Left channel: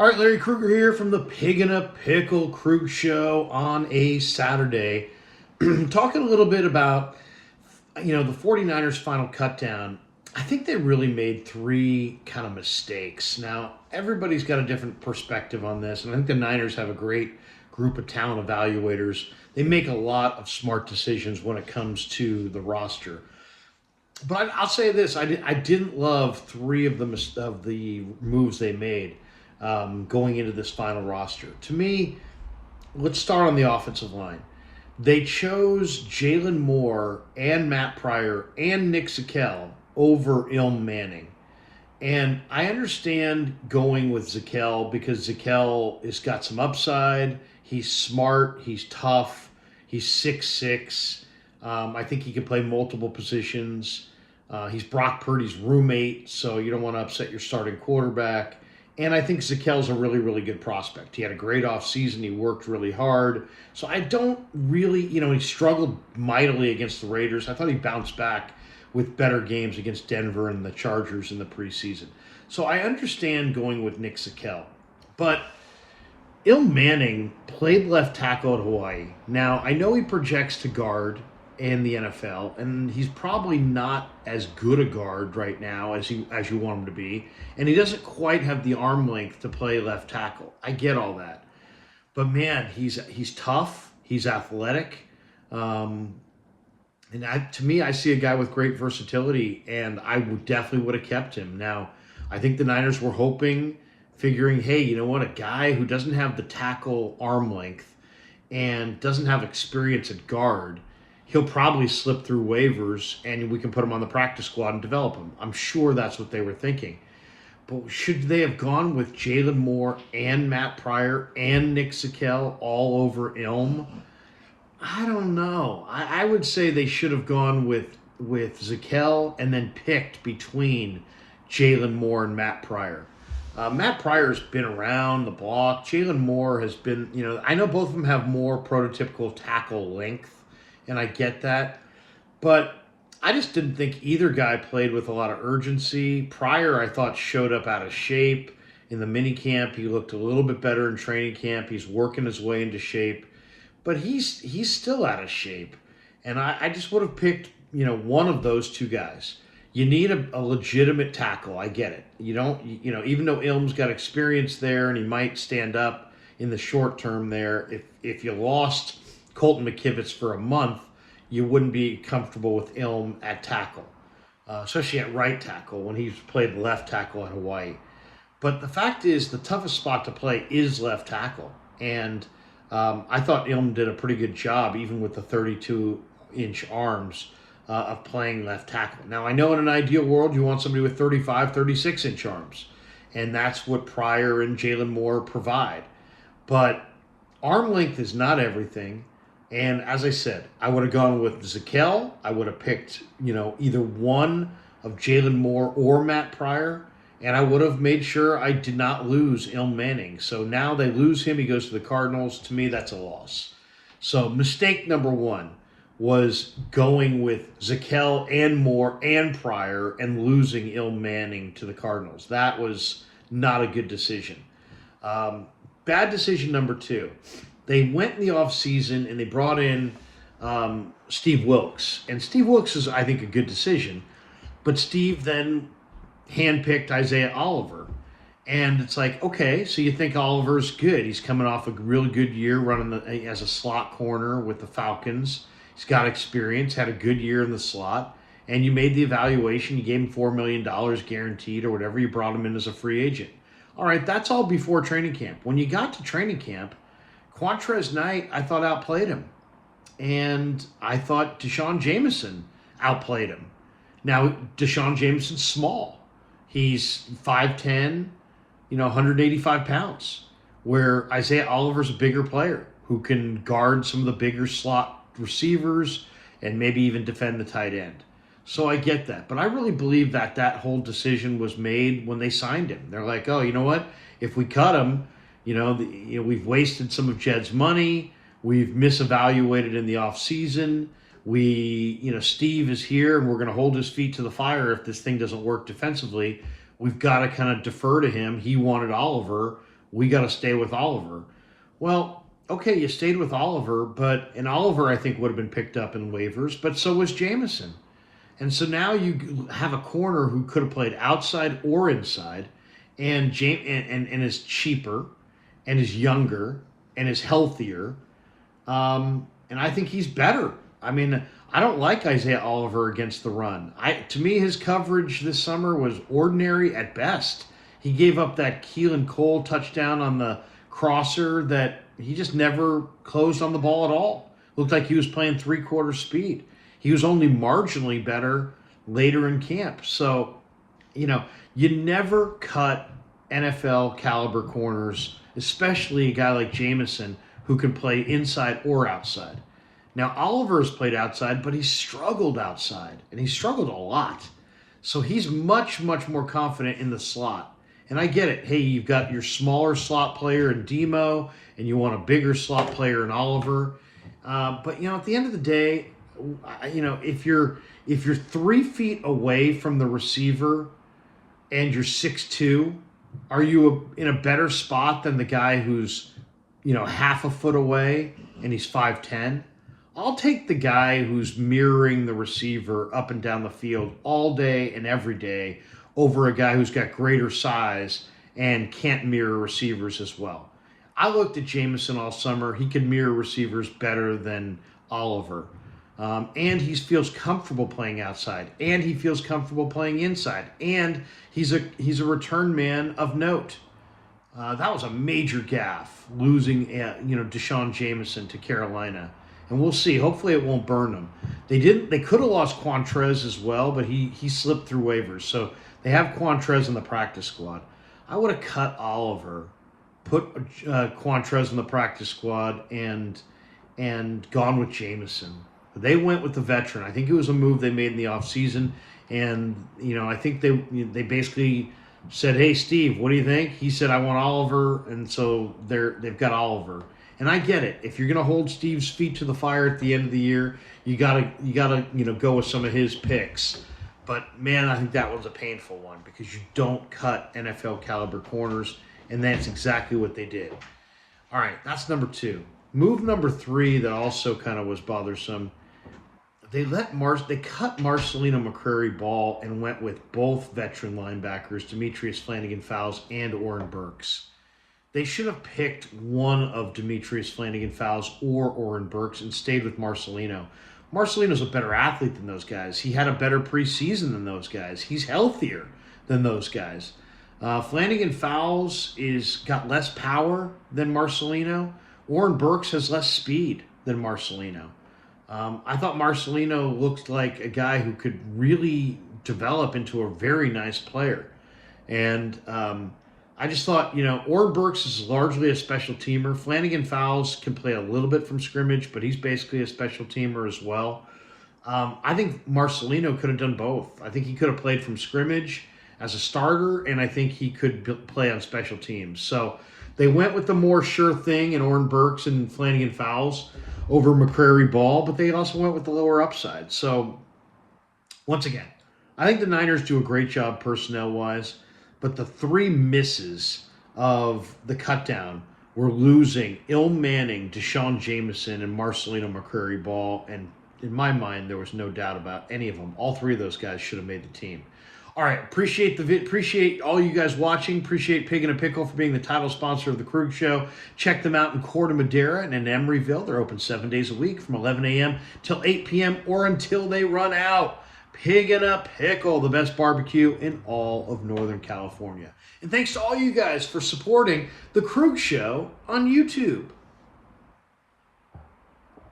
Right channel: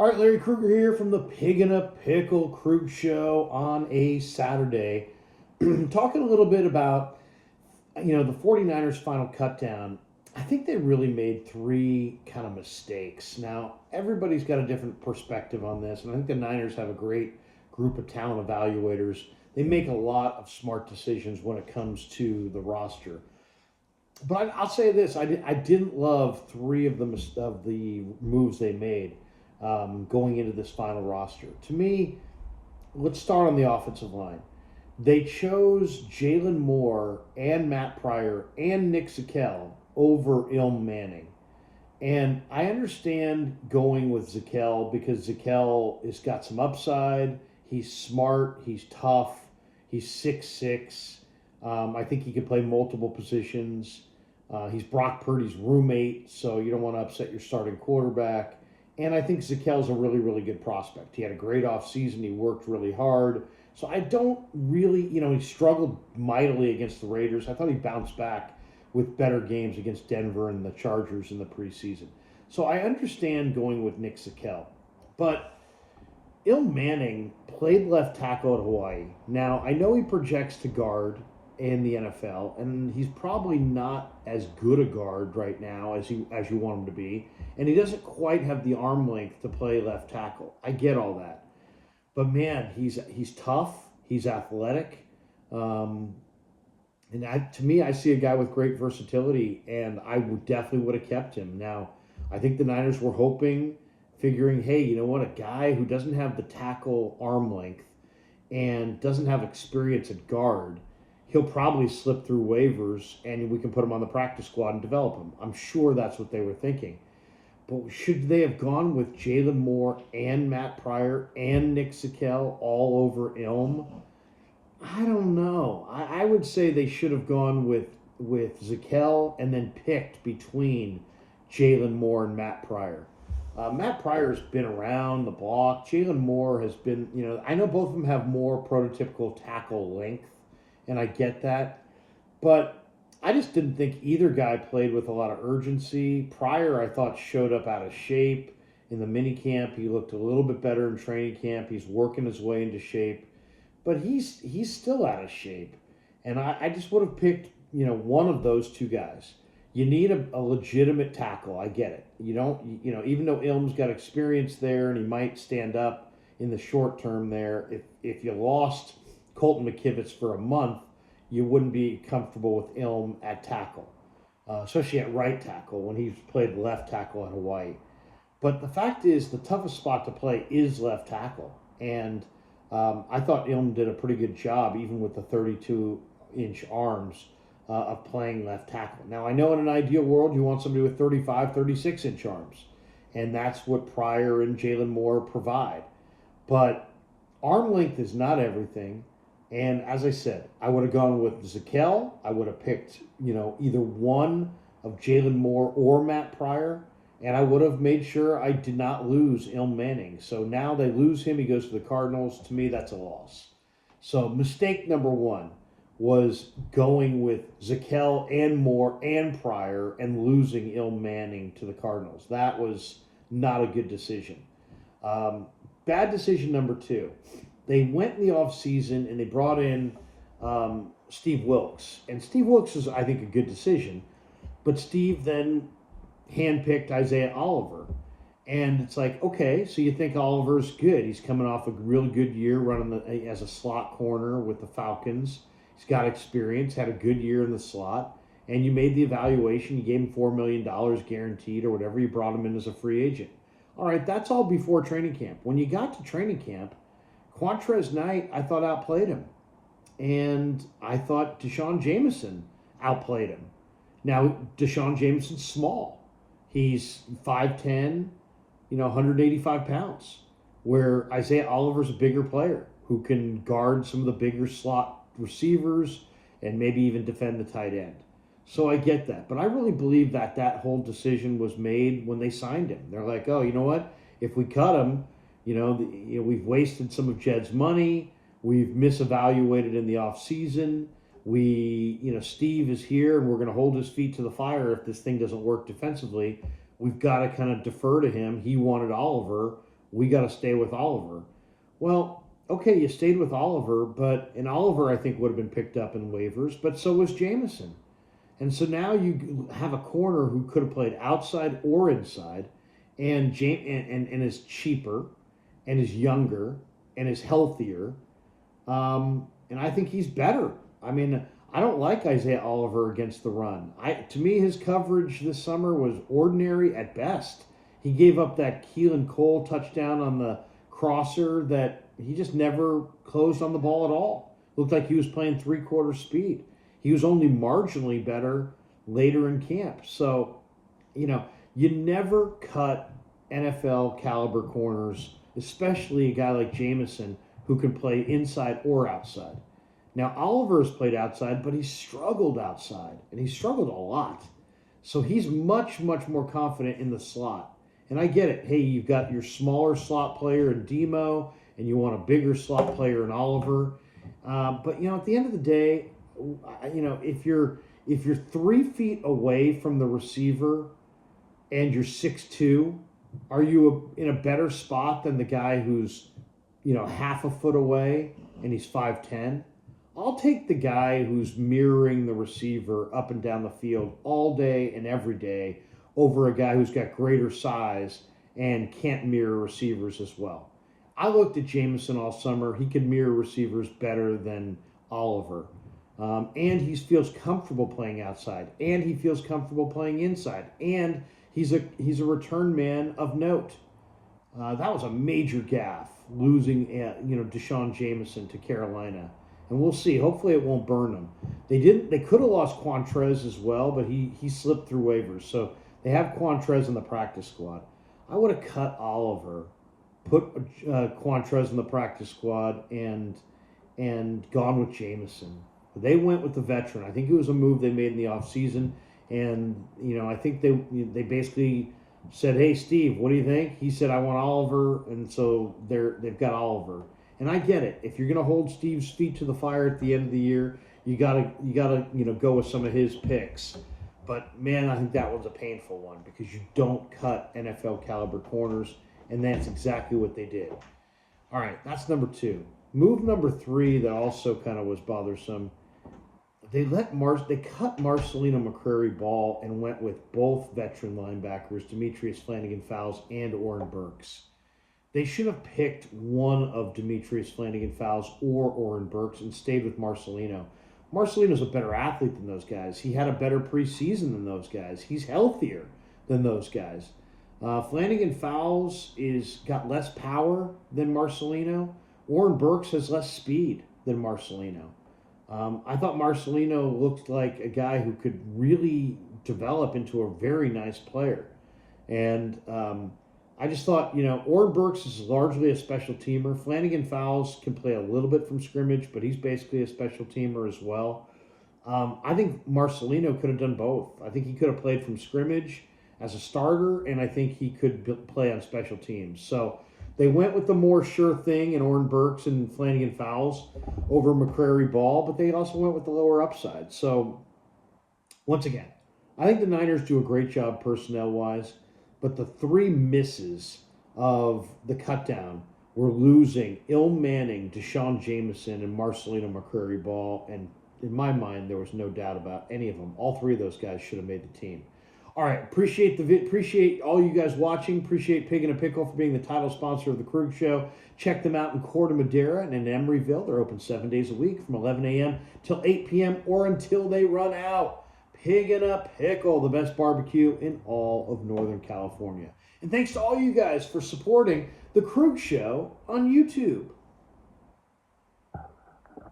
All right, Larry Krueger here from the Pig in a Pickle Krug Show on a Saturday. Talking a little bit about, the 49ers final cutdown. I think they really made three kind of mistakes. Now, everybody's got a different perspective on this, and I think the Niners have a great group of talent evaluators. They make a lot of smart decisions when it comes to the roster. But I'll say this: I didn't love three of the moves they made going into this final roster. To me, let's start on the offensive line. They chose Jalen Moore and Matt Pryor and Nick Zakelj over Ilm Manning. And I understand going with Zakelj because Zakelj has got some upside. He's smart. He's tough. He's 6'6". I think he can play multiple positions. He's Brock Purdy's roommate, so you don't want to upset your starting quarterback. And I think Zakel's a really, really good prospect. He had a great offseason. He worked really hard. So I don't really, he struggled mightily against the Raiders. I thought he bounced back with better games against Denver and the Chargers in the preseason. So I understand going with Nick Zakelj. But Ilm Manning played left tackle at Hawaii. Now, I know he projects to guard in the NFL, and he's probably not as good a guard right now as you want him to be, and he doesn't quite have the arm length to play left tackle. I get all that, but man, he's tough, he's athletic, to me, I see a guy with great versatility, and I would have kept him. Now, I think the Niners were figuring, hey, you know what, a guy who doesn't have the tackle arm length and doesn't have experience at guard, he'll probably slip through waivers and we can put him on the practice squad and develop him. I'm sure that's what they were thinking. But should they have gone with Jalen Moore and Matt Pryor and Nick Zakelj all over Ilm? I don't know. I would say they should have gone with Zakelj and then picked between Jalen Moore and Matt Pryor. Matt Pryor's been around the block. Jalen Moore has been, I know both of them have more prototypical tackle length, and I get that. But I just didn't think either guy played with a lot of urgency. Pryor, I thought, showed up out of shape in the mini camp. He looked a little bit better in training camp. He's working his way into shape. But he's still out of shape. And I just would have picked, one of those two guys. You need a legitimate tackle. I get it. You don't, even though Ilm's got experience there and he might stand up in the short term there, if you lost Colton McKivitz for a month, you wouldn't be comfortable with Ilm at tackle, especially at right tackle when he's played left tackle at Hawaii. But the fact is, the toughest spot to play is left tackle. And I thought Ilm did a pretty good job, even with the 32-inch arms, of playing left tackle. Now, I know in an ideal world, you want somebody with 35, 36-inch arms. And that's what Pryor and Jalen Moore provide. But arm length is not everything. And as I said, I would have gone with Zakelj. I would have picked, either one of Jalen Moore or Matt Pryor. And I would have made sure I did not lose Ilm Manning. So now they lose him. He goes to the Cardinals. To me, that's a loss. So mistake number one was going with Zakelj and Moore and Pryor and losing Ilm Manning to the Cardinals. That was not a good decision. Bad decision number two. They went in the offseason and they brought in Steve Wilks. And Steve Wilks is, I think, a good decision. But Steve then handpicked Isaiah Oliver. And it's like, okay, so you think Oliver's good. He's coming off a really good year running as a slot corner with the Falcons. He's got experience, had a good year in the slot. And you made the evaluation. You gave him $4 million guaranteed or whatever. You brought him in as a free agent. All right, that's all before training camp. When you got to training camp, Quantrez Knight, I thought, outplayed him. And I thought Deshaun Jameson outplayed him. Now, Deshaun Jameson's small. He's 5'10", 185 pounds, where Isaiah Oliver's a bigger player who can guard some of the bigger slot receivers and maybe even defend the tight end. So I get that. But I really believe that whole decision was made when they signed him. They're like, oh, you know what? If we cut him, we've wasted some of Jed's money. We've misevaluated in the offseason. Steve is here and we're going to hold his feet to the fire if this thing doesn't work defensively. We've got to kind of defer to him. He wanted Oliver. we got to stay with Oliver. Well, okay, you stayed with Oliver, and Oliver I think would have been picked up in waivers, but so was Jamison. And so now you have a corner who could have played outside or inside, and is cheaper, and is younger, and is healthier. And I think he's better. I mean, I don't like Isaiah Oliver against the run. To me, his coverage this summer was ordinary at best. He gave up that Keelan Cole touchdown on the crosser that he just never closed on the ball at all. Looked like he was playing three-quarter speed. He was only marginally better later in camp. So, you never cut NFL caliber corners, especially a guy like Jamison who can play inside or outside. Now, Oliver has played outside, but he struggled outside, and he struggled a lot. So he's much, much more confident in the slot. And I get it. Hey, you've got your smaller slot player in Demo, and you want a bigger slot player in Oliver. But at the end of the day, if you're 3 feet away from the receiver and you're 6'2", are you in a better spot than the guy who's half a foot away and he's 5'10"? I'll take the guy who's mirroring the receiver up and down the field all day and every day over a guy who's got greater size and can't mirror receivers as well. I looked at Jamison all summer. He could mirror receivers better than Oliver. And he feels comfortable playing outside, and he feels comfortable playing inside, and he's a return man of note. That was a major gaffe, losing Deshaun Jamison to Carolina, and we'll see. Hopefully, it won't burn them. They could have lost Quantrez as well, but he slipped through waivers, so they have Quantrez in the practice squad. I would have cut Oliver, put Quantrez in the practice squad, and gone with Jamison. They went with the veteran. I think it was a move they made in the offseason. And, I think they basically said, hey, Steve, what do you think? He said, I want Oliver. And so they've got Oliver. And I get it. If you're going to hold Steve's feet to the fire at the end of the year, you gotta go with some of his picks. But, man, I think that was a painful one because you don't cut NFL caliber corners. And that's exactly what they did. All right, that's number 2. Move number 3 that also kind of was bothersome. They cut Marcelino McCrary-Ball and went with both veteran linebackers, Demetrius Flanagan-Fowles and Oren Burks. They should have picked one of Demetrius Flanagan-Fowles or Oren Burks and stayed with Marcelino. Marcelino's a better athlete than those guys. He had a better preseason than those guys. He's healthier than those guys. Flanagan-Fowles got less power than Marcelino. Oren Burks has less speed than Marcelino. I thought Marcelino looked like a guy who could really develop into a very nice player. And I just thought, Oren Burks is largely a special teamer. Flanagan-Fowles can play a little bit from scrimmage, but he's basically a special teamer as well. I think Marcelino could have done both. I think he could have played from scrimmage as a starter, and I think he could play on special teams. So they went with the more sure thing in Oren Burks and Flanagan-Fowles over McCrary-Ball, but they also went with the lower upside. So, once again, I think the Niners do a great job personnel-wise, but the 3 misses of the cutdown were losing Ilm Manning, Deshaun Jamison, and Marcelino McCrary-Ball, and in my mind, there was no doubt about any of them. All 3 of those guys should have made the team. All right, appreciate all you guys watching. Appreciate Pig and a Pickle for being the title sponsor of the Krug Show. Check them out in Corte Madera and in Emeryville. They're open 7 days a week from 11 a.m. till 8 p.m. or until they run out. Pig and a Pickle, the best barbecue in all of Northern California. And thanks to all you guys for supporting the Krug Show on YouTube.